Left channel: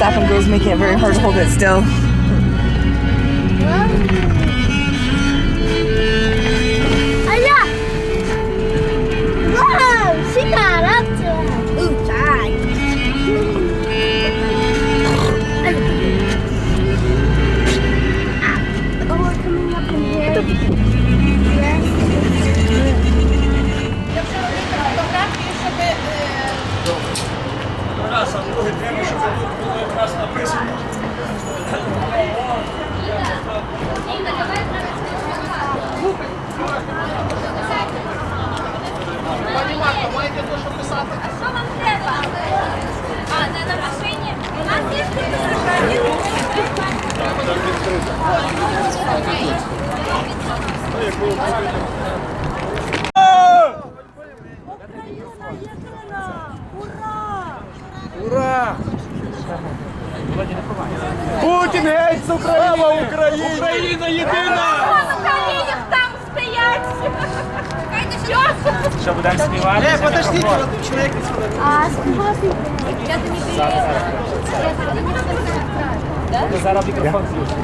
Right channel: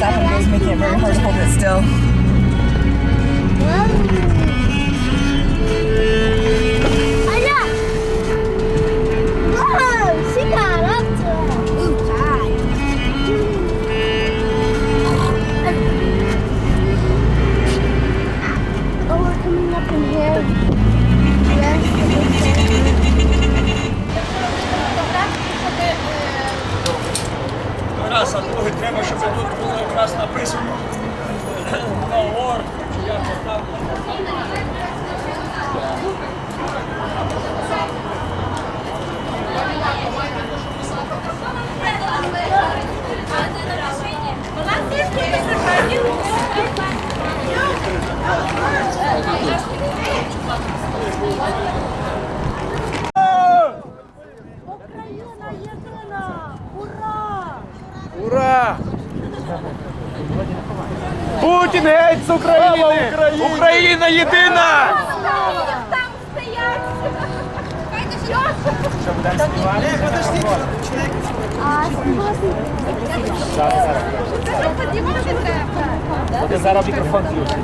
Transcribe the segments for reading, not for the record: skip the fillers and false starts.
stop and go is making it very hard to hold it still. Раз, а другий треба, щоб тут було якраз написано. Ура! Путін геть з України! Україна єдина! Там стоять! Що, будемо співати? Подожди! Зараз мікрофон включить.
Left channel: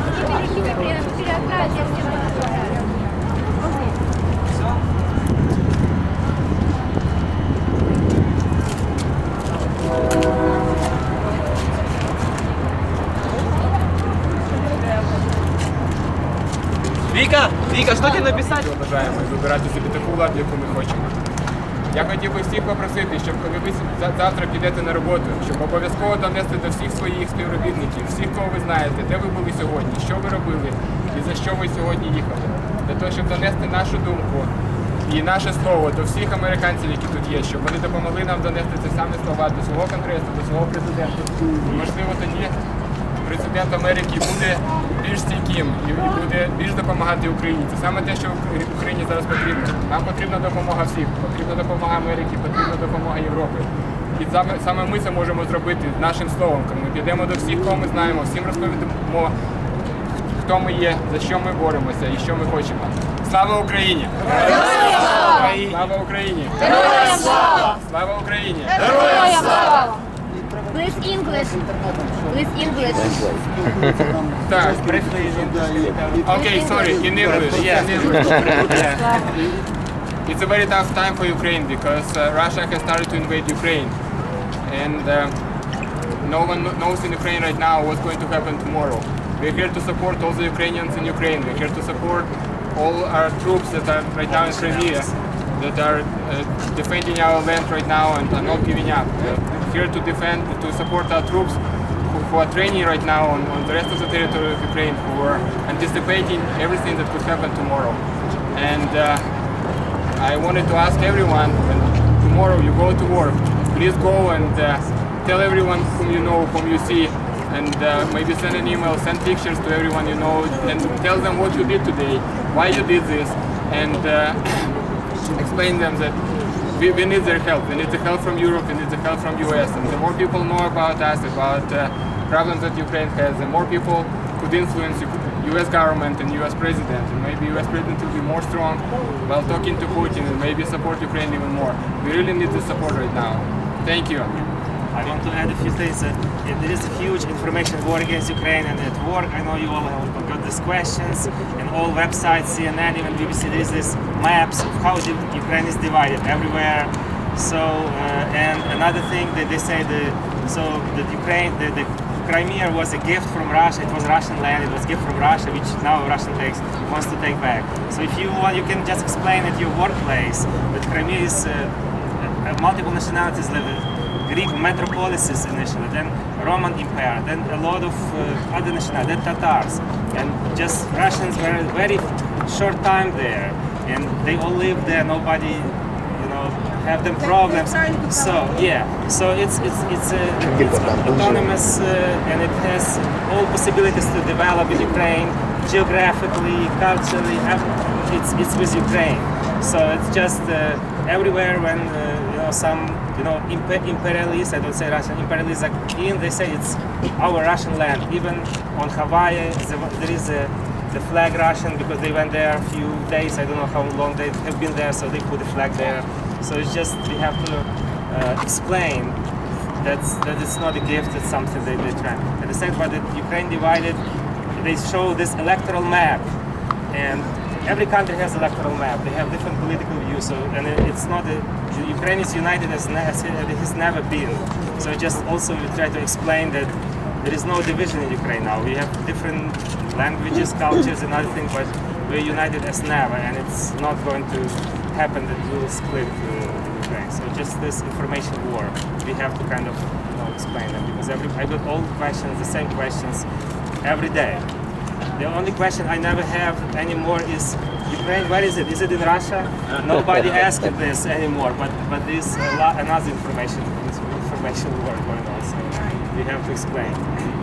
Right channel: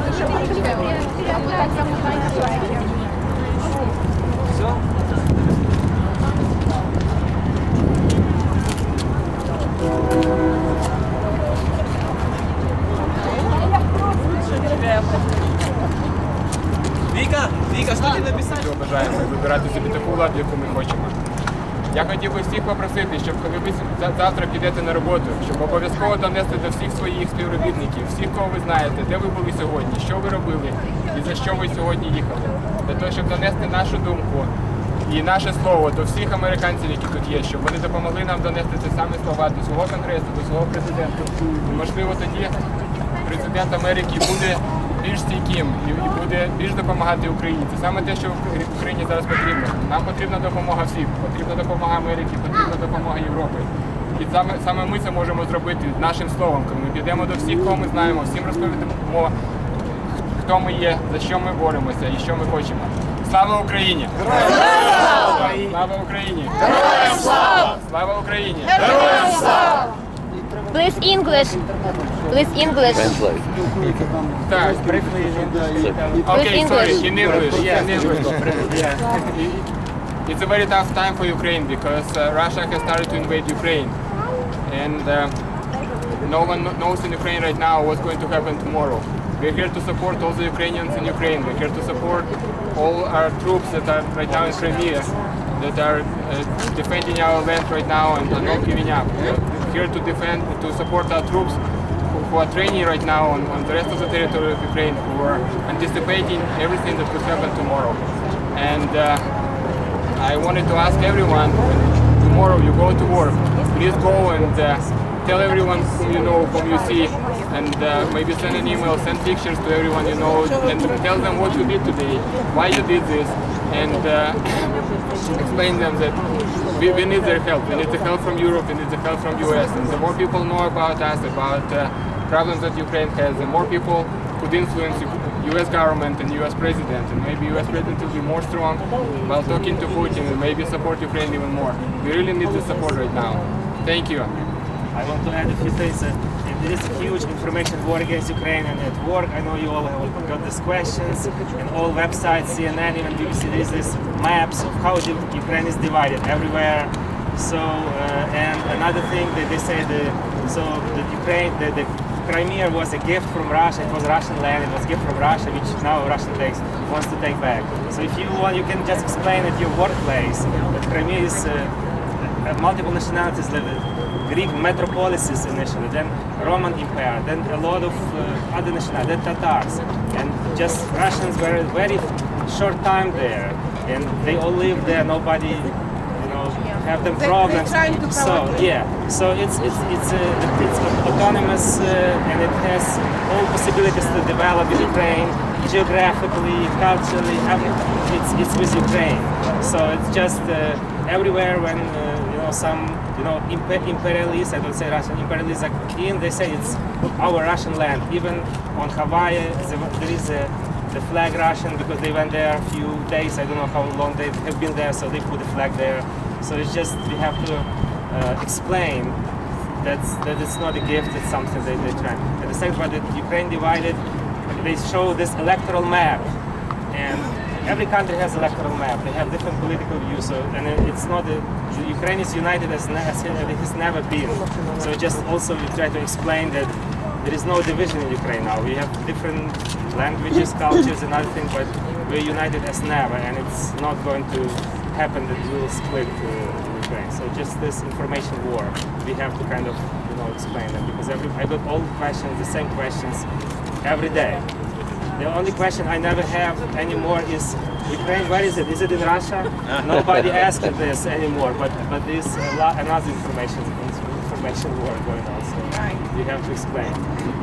Віка, що ти написати? Ми бажаємо вибирати собі таку владу, яку ми хочемо. Я хотів би всіх попросити, щоб коли ви завтра підете на роботу, щоб обов'язково донести до всіх своїх співробітників, всіх, кого ви знаєте, де ви були сьогодні, що ви робили і за що ви сьогодні їхали. Для того, щоб донести нашу думку і наше слово до всіх американців, які тут є, щоб вони допомогли нам донести ці самі слова до свого конгресу, до свого президента. І, можливо, тоді президент Америки буде більш стійким і буде більш допомагати Україні. Це саме те, що Україні зараз потрібно. Нам потрібна допомога всіх, потрібна допомога Америки, потрібна допомога Європи. І саме ми це можемо зробити нашим словом, коли ми підемо до всіх, кого ми знаємо, всім розповімо, хто ми є, за що ми боремося і що ми хочемо. Слава Україні! Слава Україні! Героям слава! Слава Україні! Героям слава! Please English. Please English. Так, okay, sorry, in English. Yeah, in English. Yeah. It's a very tough time for Ukraine because Russia has started to invade Ukraine, and no one knows in Ukraine right now what's going to happen tomorrow. We're here to support all the Ukrainians in Ukraine. We're here to support all our troops that are right now in Crimea, that are defending our land right now and are not giving up. Here to defend, to support our troops who are training right now on the rest of the territory of Ukraine, who are anticipating everything that could happen tomorrow. And I wanted to ask everyone, when tomorrow you go to work, please go and tell everyone whom you know, whom you see, and maybe send an email, send pictures to everyone you know, and tell them what you did today, why you did this, and explain them that we need their help. We need the help from Europe, we need the help from US. And the more people know about us, about problems that Ukraine has, the more people could influence US government and US president. And maybe US president will be more strong while talking to Putin and maybe support Ukraine even more. We really need the support right now. Thank you. I want to add a few things. There is a huge information war against Ukraine, and at work I know you all have got these questions, and all websites, CNN, even BBC, there is this maps of how Ukraine is divided everywhere. So, and another thing that they say, that Ukraine, the Crimea was a gift from Russia. It was Russian land. It was a gift from Russia, which now Russia wants to take back. So if you want, you can just explain at your workplace that Crimea is multiple nationalities living. Greek metropolises initially, then Roman Empire, then a lot of other nationalities, then Tatars, and just Russians were a very short time there, and they all live there. Nobody, have them problems. So yeah, so it's autonomous, and it has all possibilities to develop in Ukraine, geographically, culturally. It's with Ukraine. So it's just everywhere when some imperialists, I don't say Russian imperialists, they say it's our Russian land. Even on Hawaii, there is the flag Russian because they went there a few days. I don't know how long they have been there, so they put the flag there. So it's just we have to explain that it's not a gift, it's something they try. And the second part, that Ukraine divided, they show this electoral map, and every country has electoral map. They have different political views, so and it's not Ukraine is united as it has never been. So just also we try to explain that there is no division in Ukraine now. We have different languages, cultures, and other things, but we're united as never, and it's not going to happen that we will split Ukraine. So just this information war, we have to kind of explain them, because I got all questions, the same questions every day. The only question I never have anymore is Ukraine. Where is it? Is it in Russia? Nobody asking this anymore. But there's another information war going on. So we have to explain.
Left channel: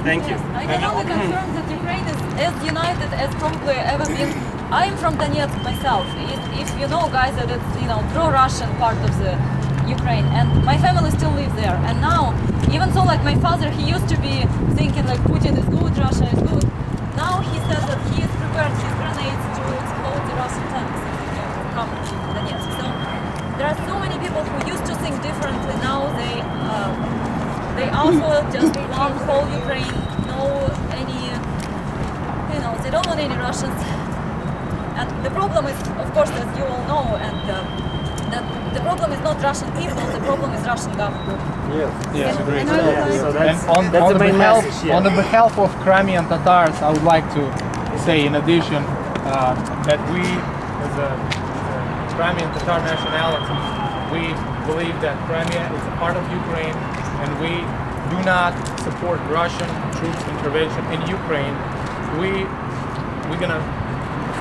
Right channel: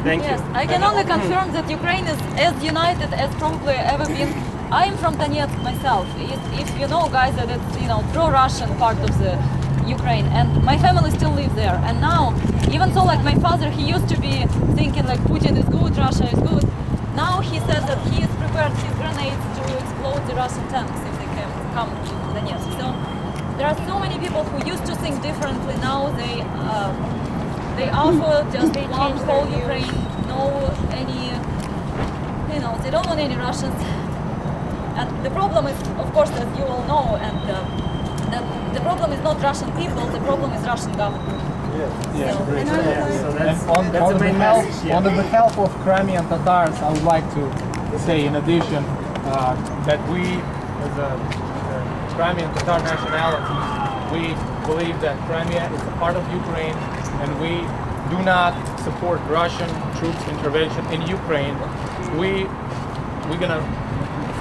Thank you. I can only confirm that Ukraine is as united as probably ever been. I'm from Donetsk myself. If you know, guys, that it's pro-Russian part of the Ukraine, and my family still lives there. And now, even so, like my father, he used to be thinking like Putin is good, Russia is good. Now he says that he has prepared his grenades to explode the Russian tanks if they can come to Donetsk. So there are so many people who used to think differently. Now they offer just one whole Ukraine, no any, they don't want any Russians. And the problem is, of course, as you all know, and that the problem is not Russian people, the problem is Russian government. Yes, great. So that's On the main message. Yeah. on the behalf of Crimean Tatars, I would like to say, in addition, that we, as a Crimean Tatar nationality, we believe that Crimea is a part of Ukraine, and we do not support Russian troops intervention in Ukraine. We're gonna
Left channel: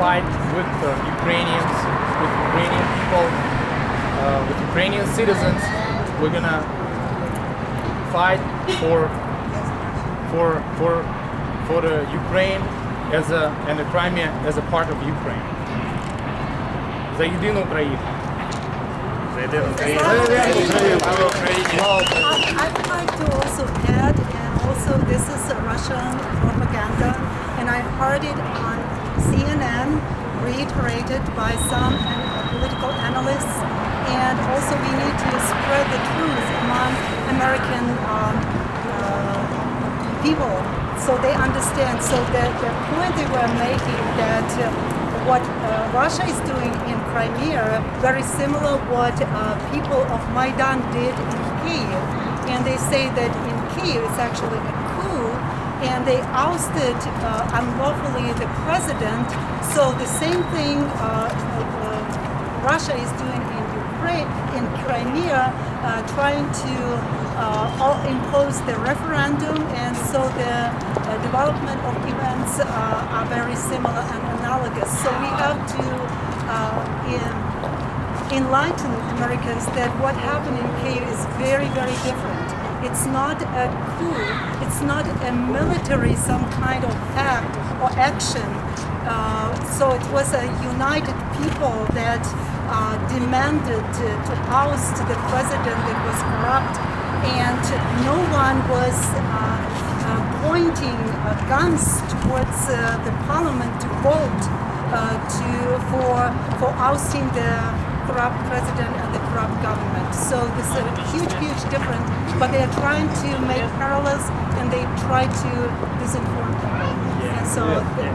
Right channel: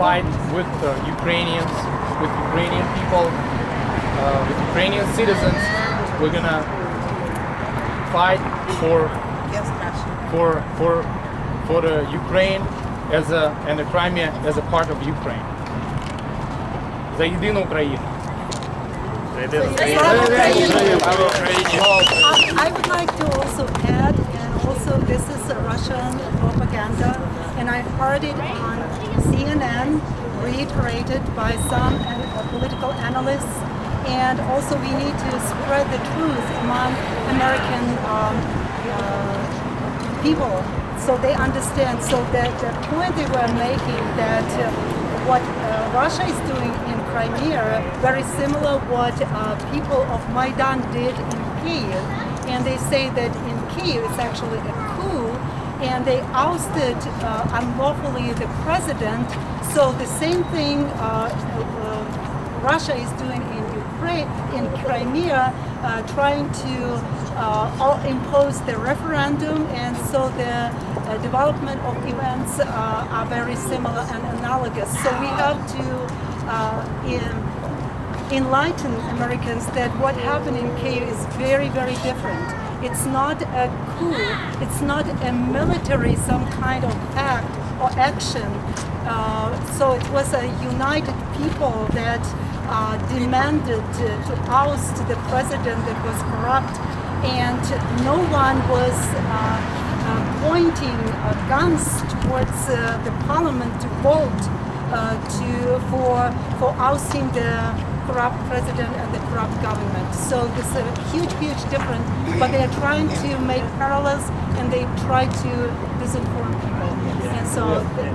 fight with Ukrainians, with Ukrainian people, with Ukrainian citizens. We're gonna fight for the Ukraine and the Crimea as a part of Ukraine. За єдину Україну. I would like to also add, and also this is a Russian propaganda, and I heard it on CNN, reiterated by some political analysts, and also we need to spread the truth among American people so they understand. So that the point they were making that what Russia is doing in Crimea, very similar what people of Maidan did in Kyiv. And they say that in Kyiv it's actually a coup, and they ousted unlawfully the president. So the same thing Russia is doing in Ukraine, in Crimea, trying to impose the referendum, and so the development of events are very similar and analogous. So we have to enlighten Americans that what happened in Kyiv is very, very different. It's not a coup, it's not a military some kind of act or action. So it was a united people that demanded to oust the president that was corrupt, and no one was pointing guns towards the parliament to vote for ousting the corrupt president and the corrupt government. So this is a huge, huge difference, but they are trying to make parallels, and they try to disinform people. And so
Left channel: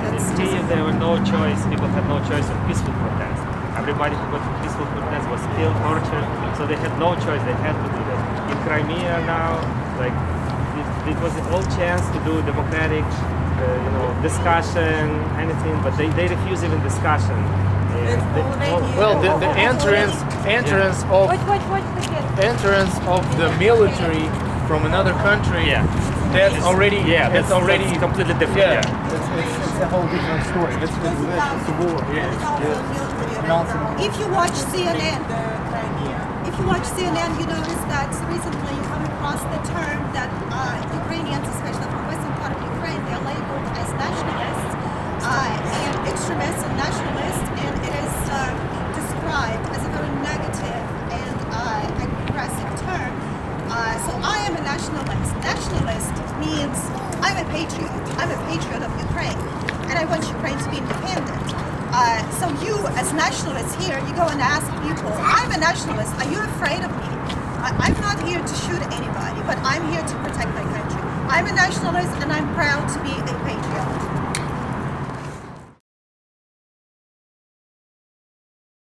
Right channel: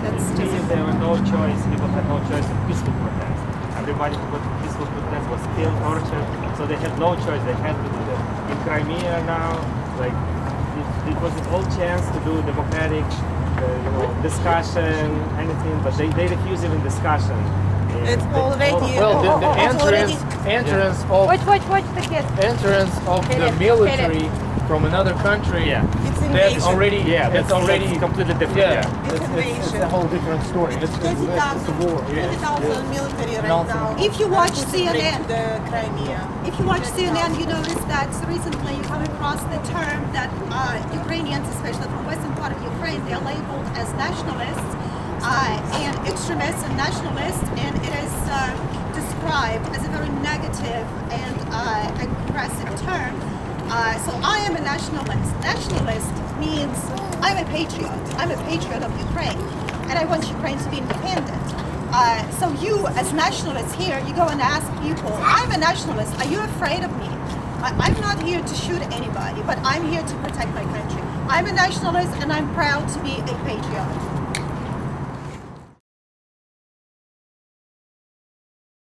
that's Kyiv, there were no choice. People had no choice of peaceful protest. Everybody who got to peaceful protest was killed, tortured. So they had no choice. They had to do that. In Crimea now, like it was an old chance to do democratic, discussion, anything, but they refuse even discussion. Well, the entrance of Watch the kids. entrance of the military from another country. Yeah. That's already that's completely different. Yeah, it's a whole different story. It's a war. If you watch CNN, if you watch CNN, you notice that recently you come across the term that Ukrainians, especially from western part of Ukraine, they're labeled as nationalists and extremists and nationalists, and it is described as a very negative and aggressive term. So I am a nationalist. Nationalist means I'm a patriot. I'm a patriot of Ukraine, and I want Ukraine to be independent. So you, as nationalists here, you go and ask people, I'm a nationalist, are you afraid of me? I'm not here to shoot anybody, but I'm here to protect my country. I'm a nationalist and I'm proud to be a patriot.